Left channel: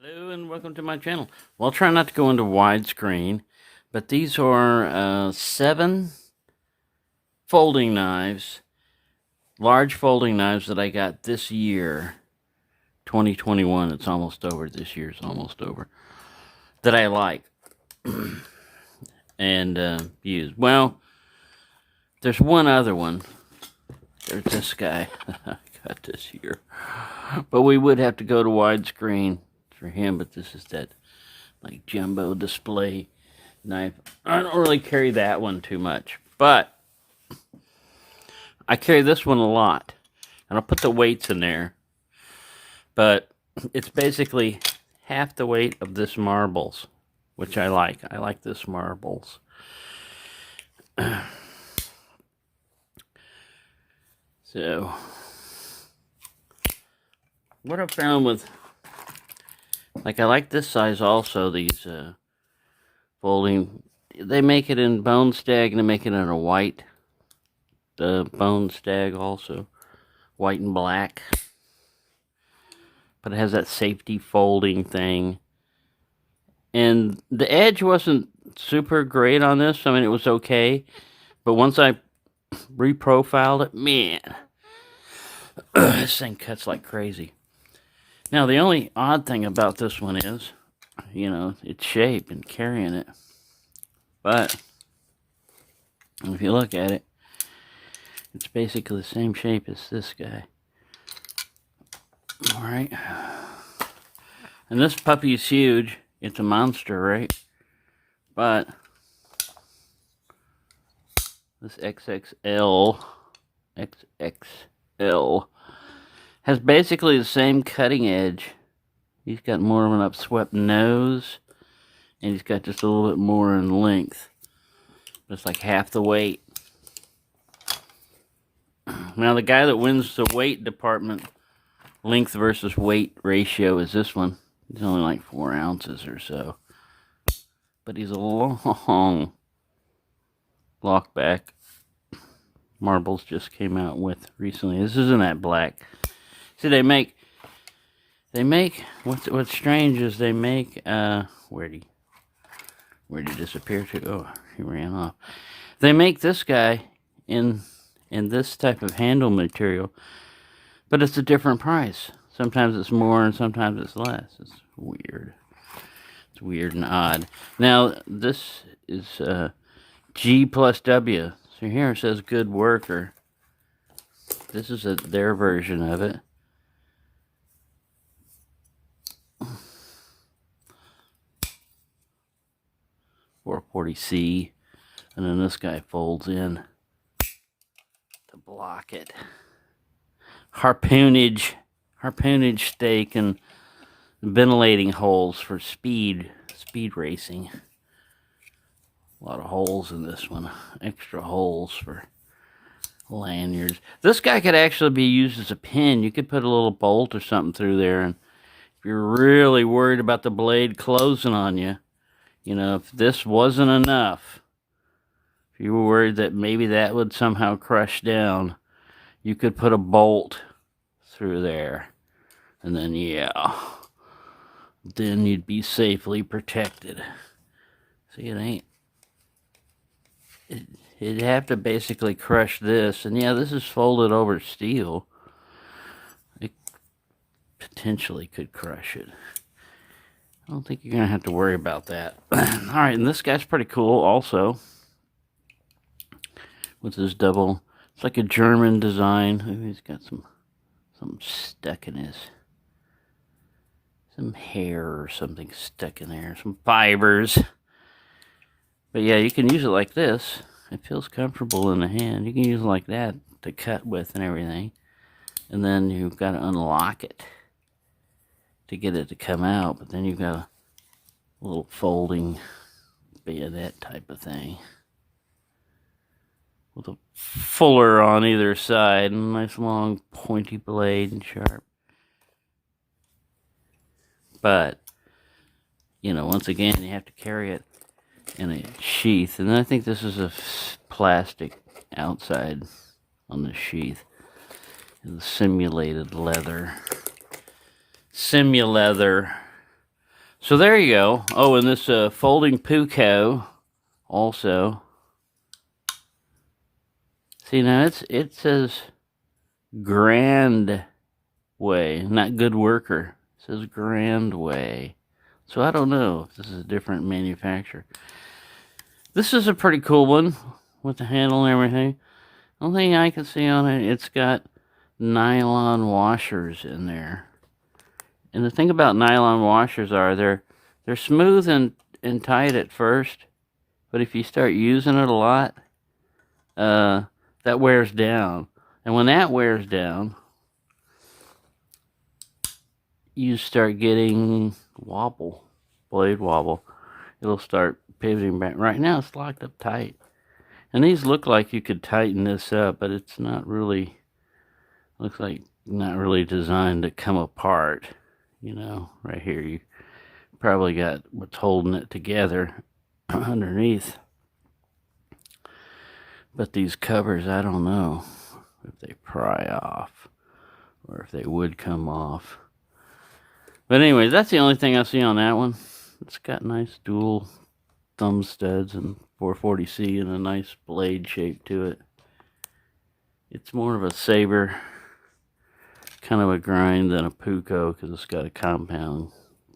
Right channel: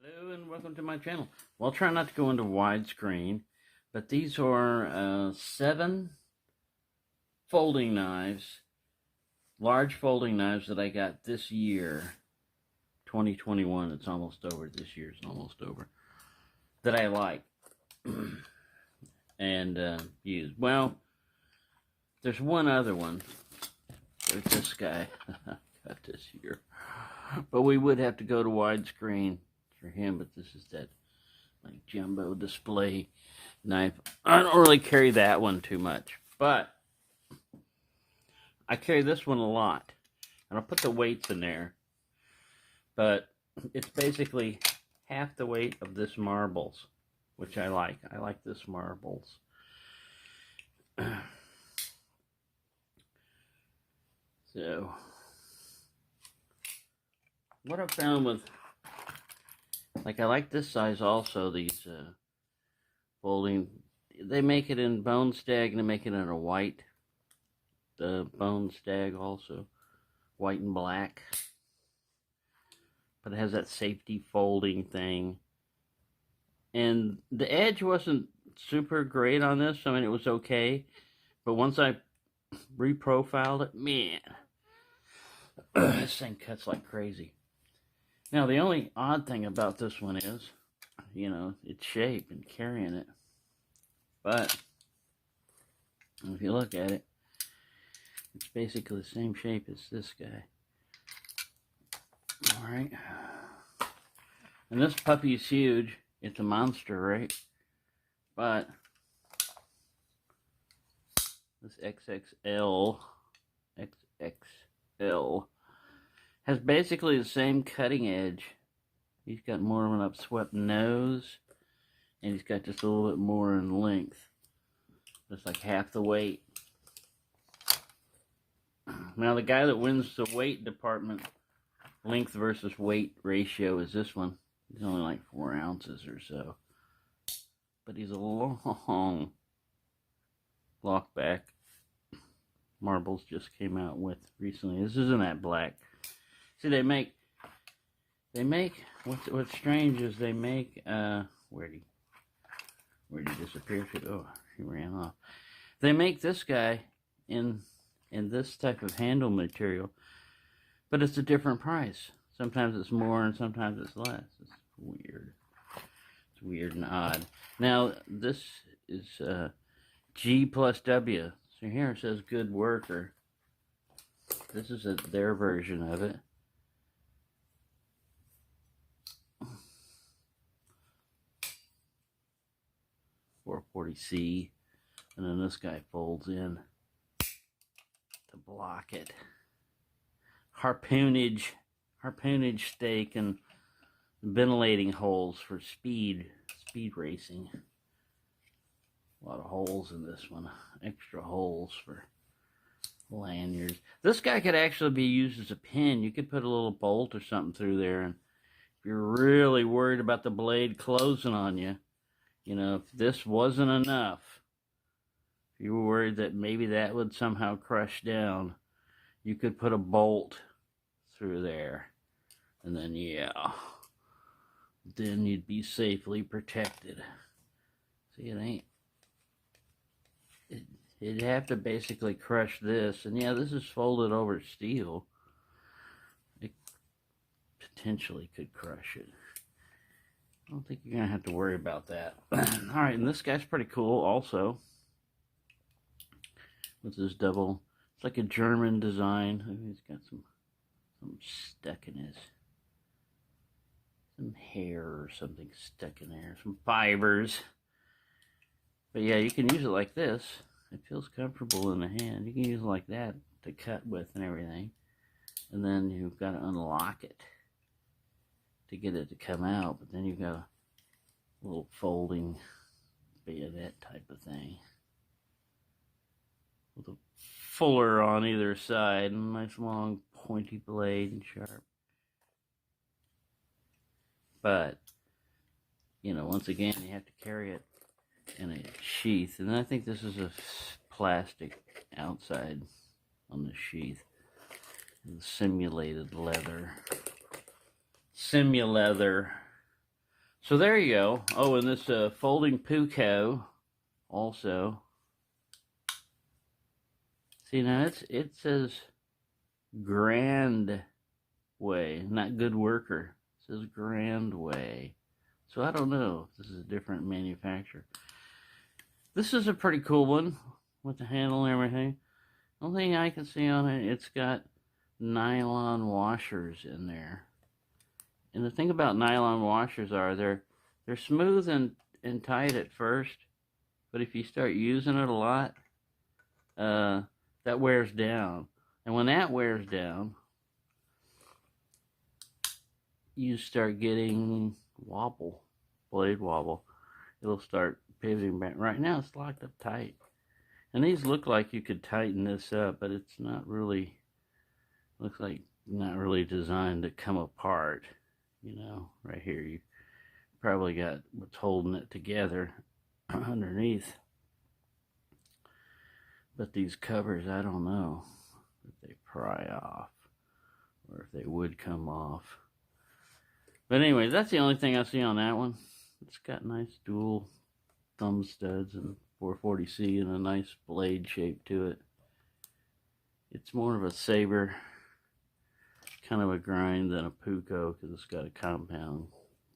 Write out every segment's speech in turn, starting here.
Hello and welcome to my channel. Well, I'll try not to go into widescreen, but these are 7 folding knives, large folding knives that I got this year, 2021. It's almost over. This year's almost over. That I like and use. Well, there's one other one. There's this guy. I got this year. But we would have to go to widescreen for him, but this is that like jumbo display knife. I don't really carry that one too much, but I carry this one a lot, and I'll put the weights in there, but it's basically half the weight of this marbles, which I like this marbles. So what I found with, like, I like this size also, these folding, they make it in bone stag and they make it in a white, the bone stag also, white and black, but it has that safety folding thing, and the edge wasn't super great on this. I mean, it was okay, but once I reprofiled it, man, this thing cuts like crazy. Now, the only odd thing about this one is, you know, its shape and carrying it. But if you look at it, it's basically the same shape as this guy. Alright. And this puppy is huge. It's a monster, right? But this XXL has basically the same cutting edge. He's got more of an upswept nose, and he's got just a little bit more in length. It's like half the weight. Now, the guy that wins the weight department, length versus weight ratio, is this one. He's only like 4 ounces or so. But he's a long lockback. Marbles just came out with recently. This isn't that black. See, they make, what's strange is they make, where'd he disappear to? Oh, he ran off. They make this guy in this type of handle material, but it's a different price. Sometimes it's more and sometimes it's less. It's weird. It's weird and odd. Now, this is G plus W. So here it says good worker. This is their version of it. .440C, and then this guy folds in to block it. Harpoonage stake and ventilating holes for speed racing. A lot of holes in this one. Extra holes for lanyards. This guy could actually be used as a pin. You could put a little bolt or something through there, and if you're really worried about the blade closing on you, you know, if this wasn't enough, if you were worried that maybe that would somehow crush down, you could put a bolt through there, and then, yeah, then you'd be safely protected. See, it ain't, it'd have to basically crush this, and yeah, this is folded over steel. It potentially could crush it. I don't think you're going to have to worry about that. Alright, and this guy's pretty cool also. With his double, it's like a German design. Ooh, he's got something stuck in his, some hair or something stuck in there, some fibers. But yeah, you can use it like this. It feels comfortable in the hand. You can use it like that to cut with and everything. And then you've got to unlock it to get it to come out. But then you've got a little folding bayonet type of thing with a fuller on either side and a nice long pointy blade and sharp. But, you know, once again, you have to carry it in a sheath. And I think this is a plastic outside on the sheath. The simulated leather. Simuleather. So there you go. Oh, and this folding Puko also. See, now it says Grand Way, not Good Worker. It says Grand Way. So I don't know if this is a different manufacturer. This is a pretty cool one with the handle and everything. The only thing I can see on it, it's got nylon washers in there. And the thing about nylon washers are they're smooth and tight at first, but if you start using it a lot, that wears down. And when that wears down, you start getting wobble, blade wobble. It'll start pivoting back. Right now it's locked up tight. And these look like you could tighten this up, but it's not really, looks like not really designed to come apart. You know, right here you probably got what's holding it together underneath. But these covers, I don't know if they pry off or if they would come off. But anyway, that's the only thing I see on that one. It's got nice dual thumb studs and 440C and a nice blade shape to it. It's more of a saber kind of a grind than a Puko because it's got a compound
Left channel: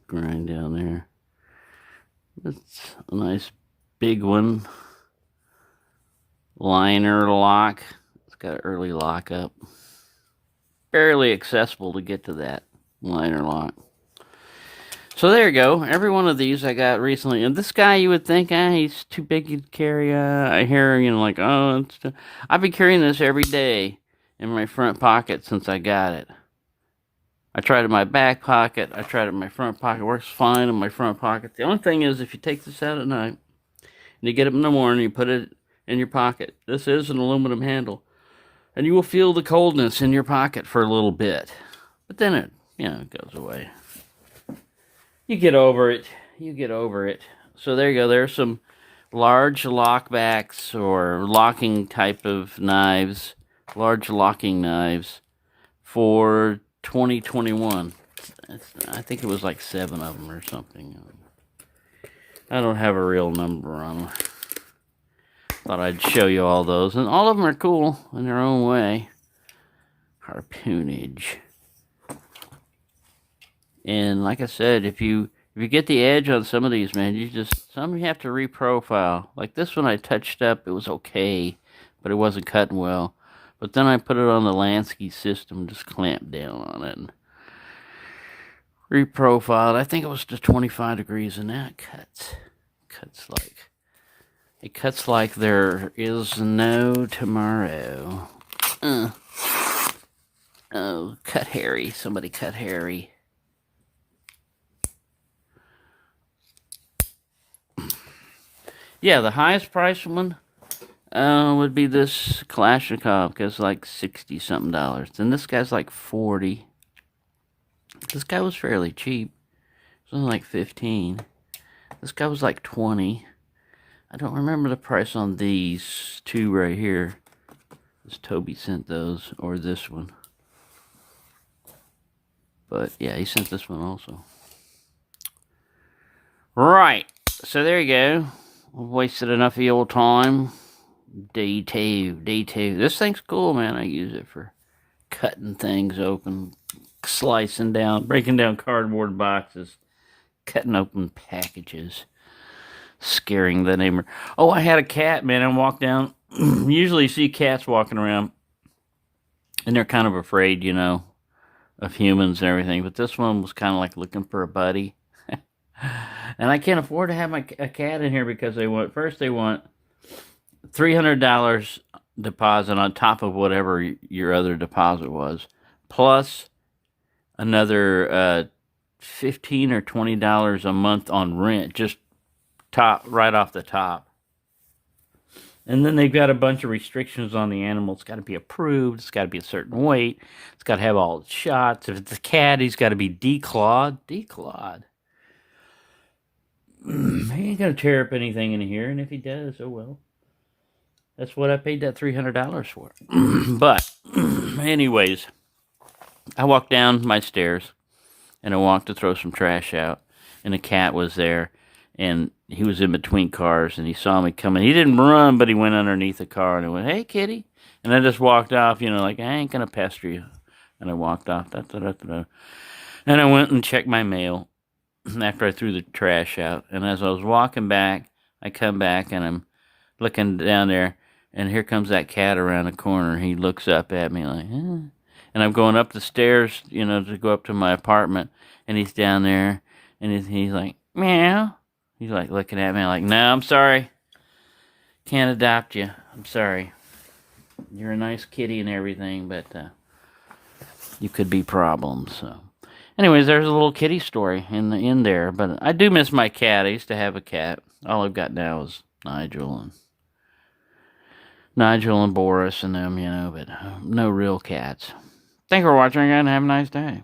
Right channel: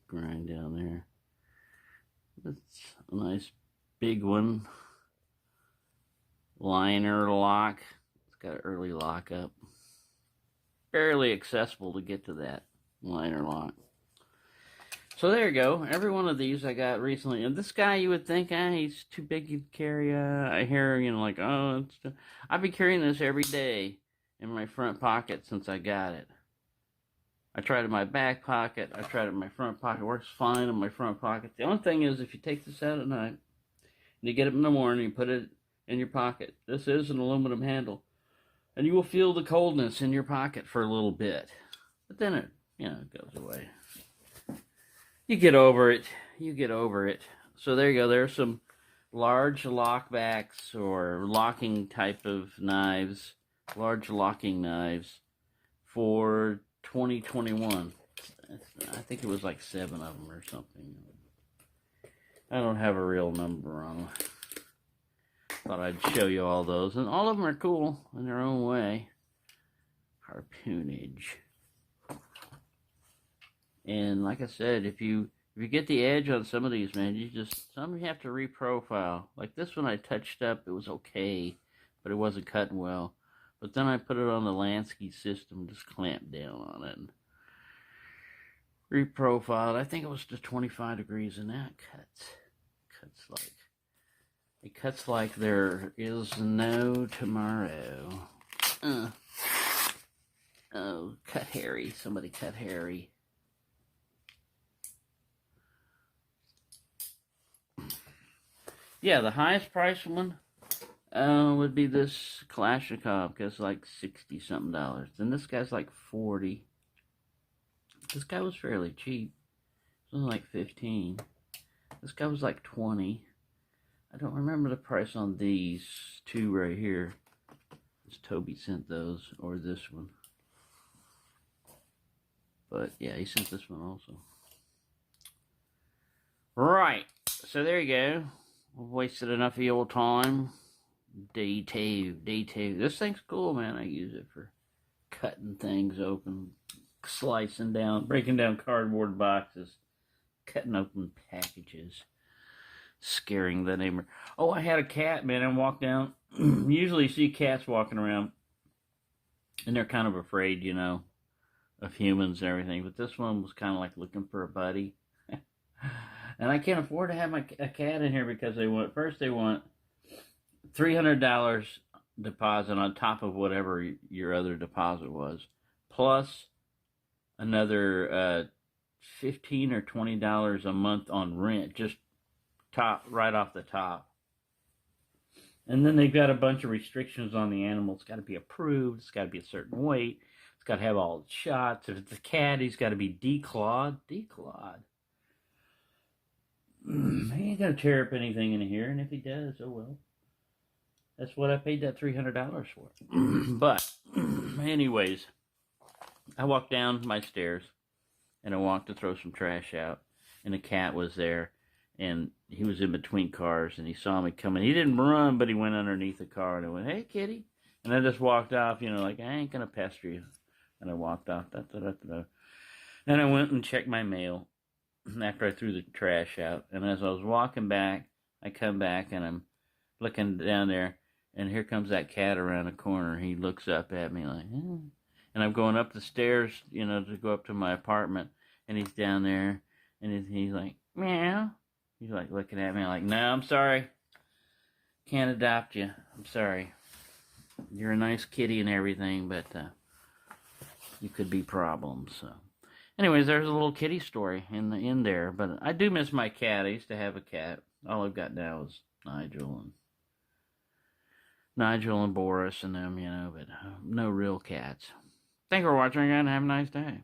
grind down there. It's a nice big one. Liner lock. It's got an early lockup. Barely accessible to get to that liner lock. So there you go. Every one of these I got recently. And this guy, you would think, he's too big to carry. I hear, like, oh, I've been carrying this every day in my front pocket since I got it. I tried it in my back pocket. I tried it in my front pocket. It works fine in my front pocket. The only thing is, if you take this out at night, and you get up in the morning, you put it in your pocket. This is an aluminum handle. And you will feel the coldness in your pocket for a little bit. But then it, it goes away. You get over it. You get over it. So there you go. There's some large lockbacks or locking type of knives. Large locking knives for 2021. I think it was like 7 of them or something. I don't have a real number on them. Thought I'd show you all those. And all of them are cool in their own way. Harpoonage. And like I said, if you get the edge on some of these, man, some you have to reprofile. Like this one I touched up, it was okay, but it wasn't cutting well. But then I put it on the Lansky system, just clamped down on it and reprofiled. I think it was to 25 degrees, and that cuts like there is no tomorrow. Oh, cut Harry. Somebody cut Harry. Yeah, the highest price one would be this Kalashnikov, because like $60-something. And this guy's like 40. This guy was fairly cheap. It was only like 15. This guy was like 20. I don't remember the price on these two right here. This Toby sent those, or this one. But yeah, he sent this one also. Right, so there you go. I've wasted enough of your time. D2. This thing's cool, man. I use it for cutting things open, slicing down, breaking down cardboard boxes, cutting open packages, scaring the neighbor. Oh, I had a cat, man. I walked down. Usually you see cats walking around, and they're kind of afraid, of humans and everything. But this one was kind of like looking for a buddy. And I can't afford to have a cat in here because they want $300 deposit on top of whatever your other deposit was, plus another $15 or $20 a month on rent, just right off the top. And then they've got a bunch of restrictions on the animal. It's got to be approved. It's got to be a certain weight. It's got to have all the shots. If it's a cat, he's got to be declawed. He ain't gonna tear up anything in here, and if he does, oh well. That's what I paid that $300 for. But, anyways, I walked down my stairs, and I walked to throw some trash out. and a cat was there, and he was in between cars, and he saw me coming. He didn't run, but he went underneath the car, and I went, "Hey, kitty," and I just walked off, like I ain't gonna pester you, and I walked off. Da, da, da, da, da. And I went and checked my mail after I threw the trash out, and as I was walking back, I come back and I'm looking down there, and here comes that cat around the corner. He looks up at me like, eh. And I'm going up the stairs, to go up to my apartment, and he's down there, and he's like, meow. He's like looking at me like, no, I'm sorry. Can't adopt you. I'm sorry. You're a nice kitty and everything, but you could be problems. So, anyways, there's a little kitty story in there. But I do miss my cat. I used to have a cat. All I've got now is Nigel and Boris and them, but no real cats. Thank you for watching, and have a nice day.